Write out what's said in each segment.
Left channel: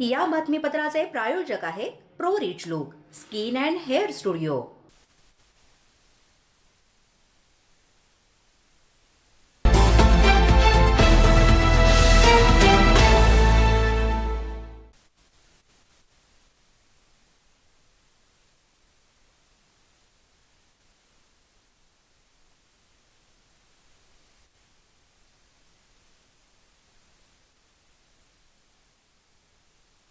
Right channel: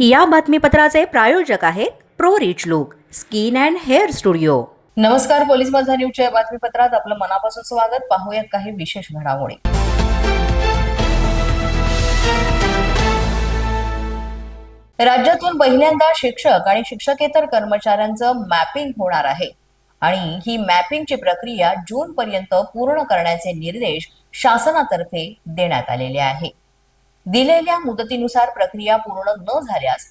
या बातमीपत्राचे प्रायोजक आहेत pro rich look skin and hair studio. नमस्कार पोलीस माझा न्यूजच्या या बातमीपत्रात आपलं मनापासून स्वागत. पाहूयात काही विशेष घडामोडी. राज्यातून पहिल्यांदा शिक्षक आणि शिक्षकेतर कर्मचाऱ्यांचं मॅपिंग होणार आहे आणि ही मॅपिंगची प्रक्रिया जून पर्यंत पूर्ण करण्याचे निर्देश शासनातर्फे देण्यात आलेले आहे. दिलेल्या मुदतीनुसार प्रक्रिया पूर्ण न झाल्यास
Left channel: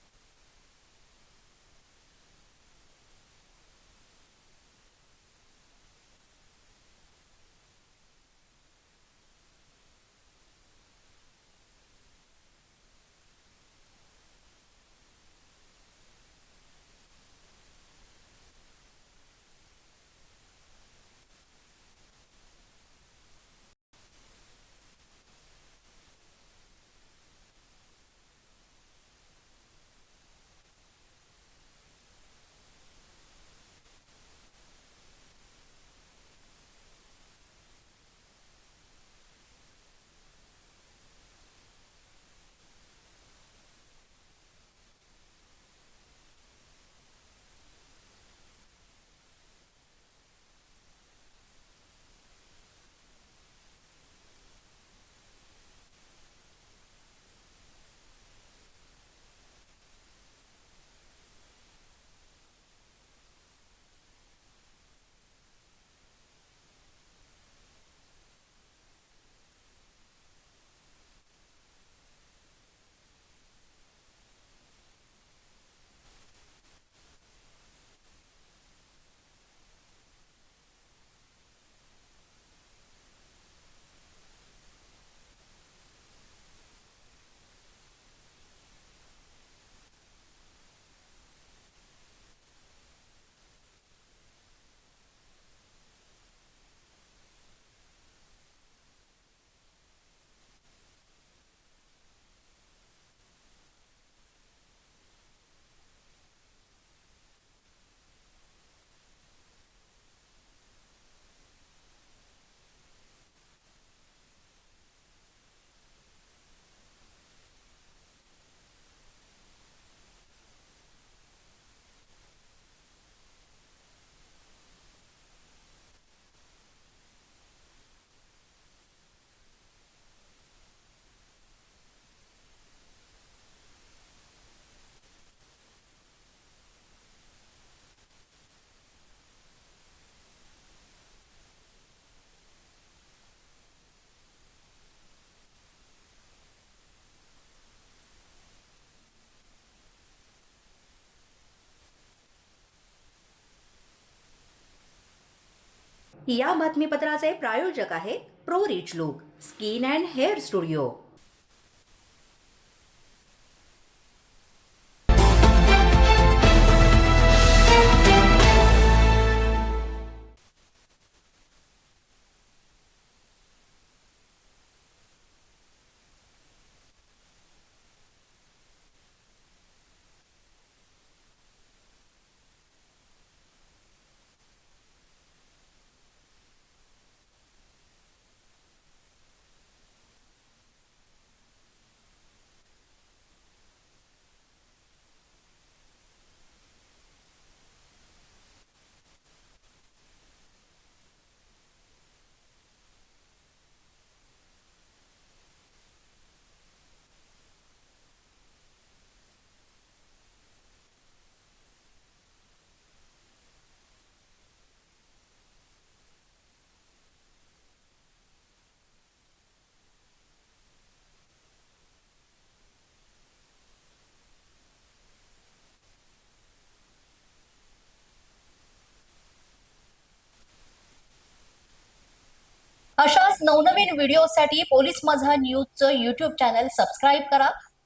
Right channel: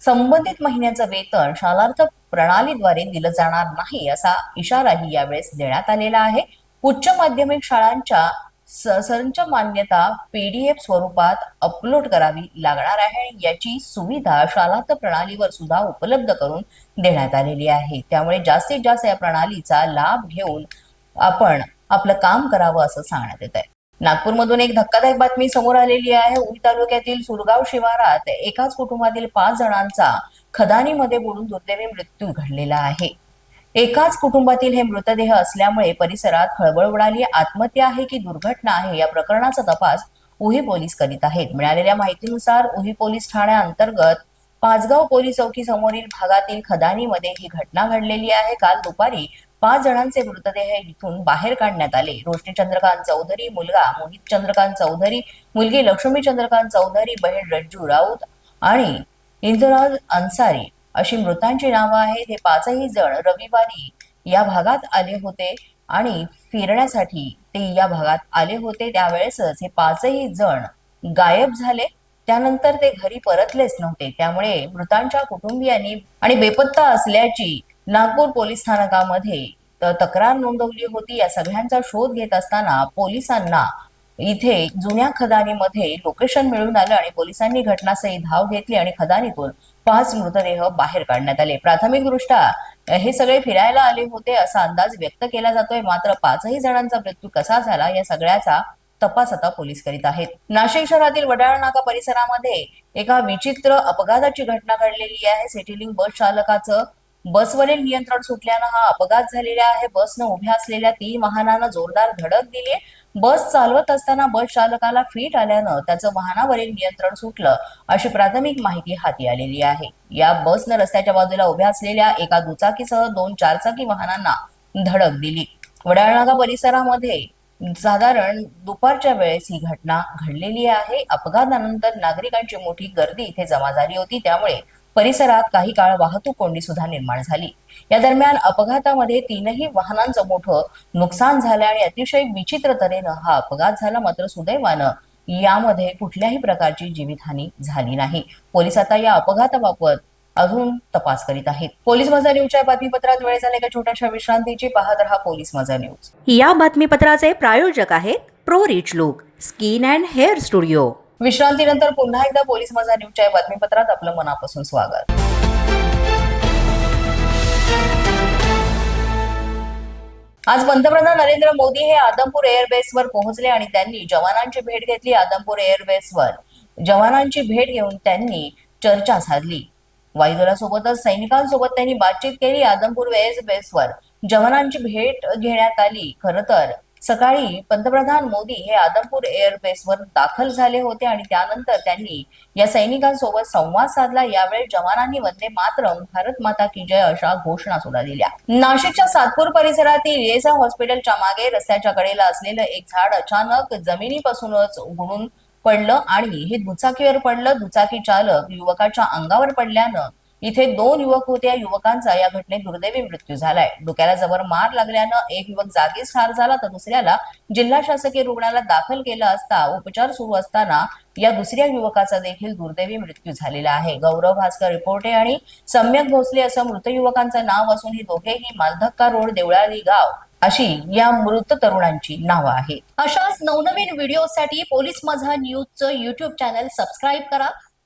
संबंधित महिन्याचं वेतन शालार्थ प्रणालीद्वारे दिलं जाणार नाही असा इशाराही यावेळेस देण्यात आलेला आहे. उच्च माध्यमिक शाळांच्या संच मान्यता पीडीएफ स्वरूपात अपलोड करावी लागणार आहे. आणि याची सुविधा शालार्थ प्रणालीवर सुद्धा उपलब्ध करून देण्यात आलेली आहे. त्यामुळे जास्तीत जास्त या प्रणालीचा लाभ घेऊन आपण आपलं काम करावं असं सांगण्यात येत आहे नागपूरमधून एक धक्कादायक बातमी समोर आलेली आहे. उई तालुक्यातील सुरगाव शिवारात एकाच कुटुंबातील पाच जणांचा खदानीमध्ये बुडून दुर्दैवी मृत्यू घडलेला आहे. एकाच कुटुंबातील हे मृतदेह असल्यामुळे परिसरात खळबळ उडाली. आत्महत्या आहे की दुर्घटना आहे या प्रकरणाचा तपास उही पोलीस करीत आहेत. मिळालेल्या माहितीनुसार उही पोलीस ठाण्याअंतर्गत पाचगाव पोलीस चौकी समोरील भागातील खदानीमध्ये ही घटना घडलेली आहे. काल दुपारी पाच जणांचे मृतदेह इथून बाहेर काढण्यात आले. रोशनी चंद्रकांत चौधरी मुलगा मोहित चंद्रकांत चौधरी मुलगी लक्ष्मी चंद्रकांत चौधरी बहीण रज्जू राऊत आणि इंदुराज अन्सारी अशी मृतांची नावं आहेत. हे पाचही जण रविवारी या भागात आले होते आणि फिरण्यासाठी ते या भागात आले होते. त्यावेळेसच हे पाचही जण गायब झाले. त्यानंतर ते घरी परतलेच नव्हते. त्यामुळे मृतांच्या कुटुंबियांनी आणि बेपत्ता असल्याची नागपूर पोलीस स्थानकामध्ये तक्रार नोंदवली होती. या सगळ्यांचा शोध घेत असताना पोलिसांना इथे जुन्या खदानीमध्ये लोकेशन मिळून आलं आणि पोलिसांनी घटनास्थळी धाव घेतली आणि खदानीतून पाच मृतदेह बाहेर काढण्यात आले. प्राथमिक दृष्ट्या हे सगळे फिरायला आले होते असा अंदाज व्यक्त केला जातोय. मात्र पाचही जणांचा मृत्यू कसा झाला या सगळ्याचा तपास आता पोलीस करीत आहेत. नाशिक शहरातील वडाळ नाका परिसरामध्ये एका विचित्र अपघाताची घटना घडलेली आहे. सिटीलिंग बस चालकाचं बसवरील नियंत्रण सुटल्यानं हा अपघात झालेला आहे. बसनं उभ्या असलेल्या तीन वाहनांना जोरदार धडक दिली. बस चालवत असताना बस चालकाला फीट आल्यानं त्याचं वाहनावरील नियंत्रण सुटलं अशी प्राथमिक माहिती हाती आलेली आहे. या बसनं रस्त्याच्या बाजूला उभ्या असलेल्या एका दुचाकीसह दोन चारचाकी वाहनांना धडक दिली. वडाळनागा परिसरामध्ये साधारण दुपारच्या वेळेस ही घटना घडलेली आहे. अपघातानंतर नागरिकांची मोठी गर्दी इथे जमा झाली होती. त्यामुळे परिसरात काही काळ वाहतूक कोंडी सुद्धा निर्माण झाली. या दरम्यान अपघातामध्ये तीनही वाहनांचं मोठं नुकसान झालं आणि अतिशय विचित्र तऱ्हेनं हा अपघात झाला. मात्र सुदैवानं यामध्ये कुठल्याही प्रकारची जीवितहानी झाली नाही. पोलीस आता या अपघाताबाबत अजून तपास करीत आहेत. पोलीस माझा न्यूजच्या बातमीपत्रात वेळ झाला एका छोट्याशा विश्रांतीची पाहत रहा पोलीस माझा न्यूज. या बातमीपत्राचे प्रायोजक आहेत pro rich look skin and hair studio. विश्रांतीनंतर पुन्हा एकदा पोलीस माझा न्यूजच्या बातमीपत्रात आपलं मनापासून स्वागत. आज पंतप्रधान नरेंद्र मोदी हे आदमपूर एअरबेसवर पोहोचले आणि त्यांनी जवानांची भेट घेतली आदमपूर एअरबेसवर. जवानांची भेट घेऊन त्यांनी चर्चा साधली. वायुदलासोबतच सैनिकांसोबत त्यांनी बातचीत केली आदमपूर एअरबेसवर. जवानांची भेट घेण्यात आली. खरं तर सकाळी पंतप्रधान मोदी हे आदमपूर एअरबेसवर दाखल झाले होते आणि त्यानंतर त्यांनी या सैनिकांसोबत संवाद साधला. यावेळी जवानांनी वंदे मातरम भारत माता की जय अशा घोषणा सुद्धा दिल्या. नाशिकच्या सातपूर परिसरातील येसा हॉस्पिटलच्या मागे रस्त्याच्या कडेला असलेलं एक झाड अचानक जमिनीपासूनच उघडून पडलं आणि हे दुचाकीवर पडलं. दुचाकी चालक युवकाच्या अंगावर पडल्यानं इथे दोन युवक होते. या युवकांचा या घटनेत दुर्दैवी मृत्यू झालाय. डोक्याला जबर मार लागल्यानं एक युवक जागीच ठार झाला तर दुसऱ्याला जिल्हा शासकीय रुग्णालयात दाखल केलं असता उपचार सुरू असताना या दुसऱ्या युवकाचा देखील दुर्दैवी मृत्यू झालेला आहे. गौरव भास्कर रिपोर्टे आणि सम्यक भोसले असं मृत युवकांचं नाव असून ही दोघेही मालधक्का रोड देवळाली गाव अशी या मृत तरुणांची नावं आहेत. अशाच नवनवीन व्हिडिओसाठी पोलीस माझा न्यूजचं युट्यूब चॅनल सबस्क्राईब करा.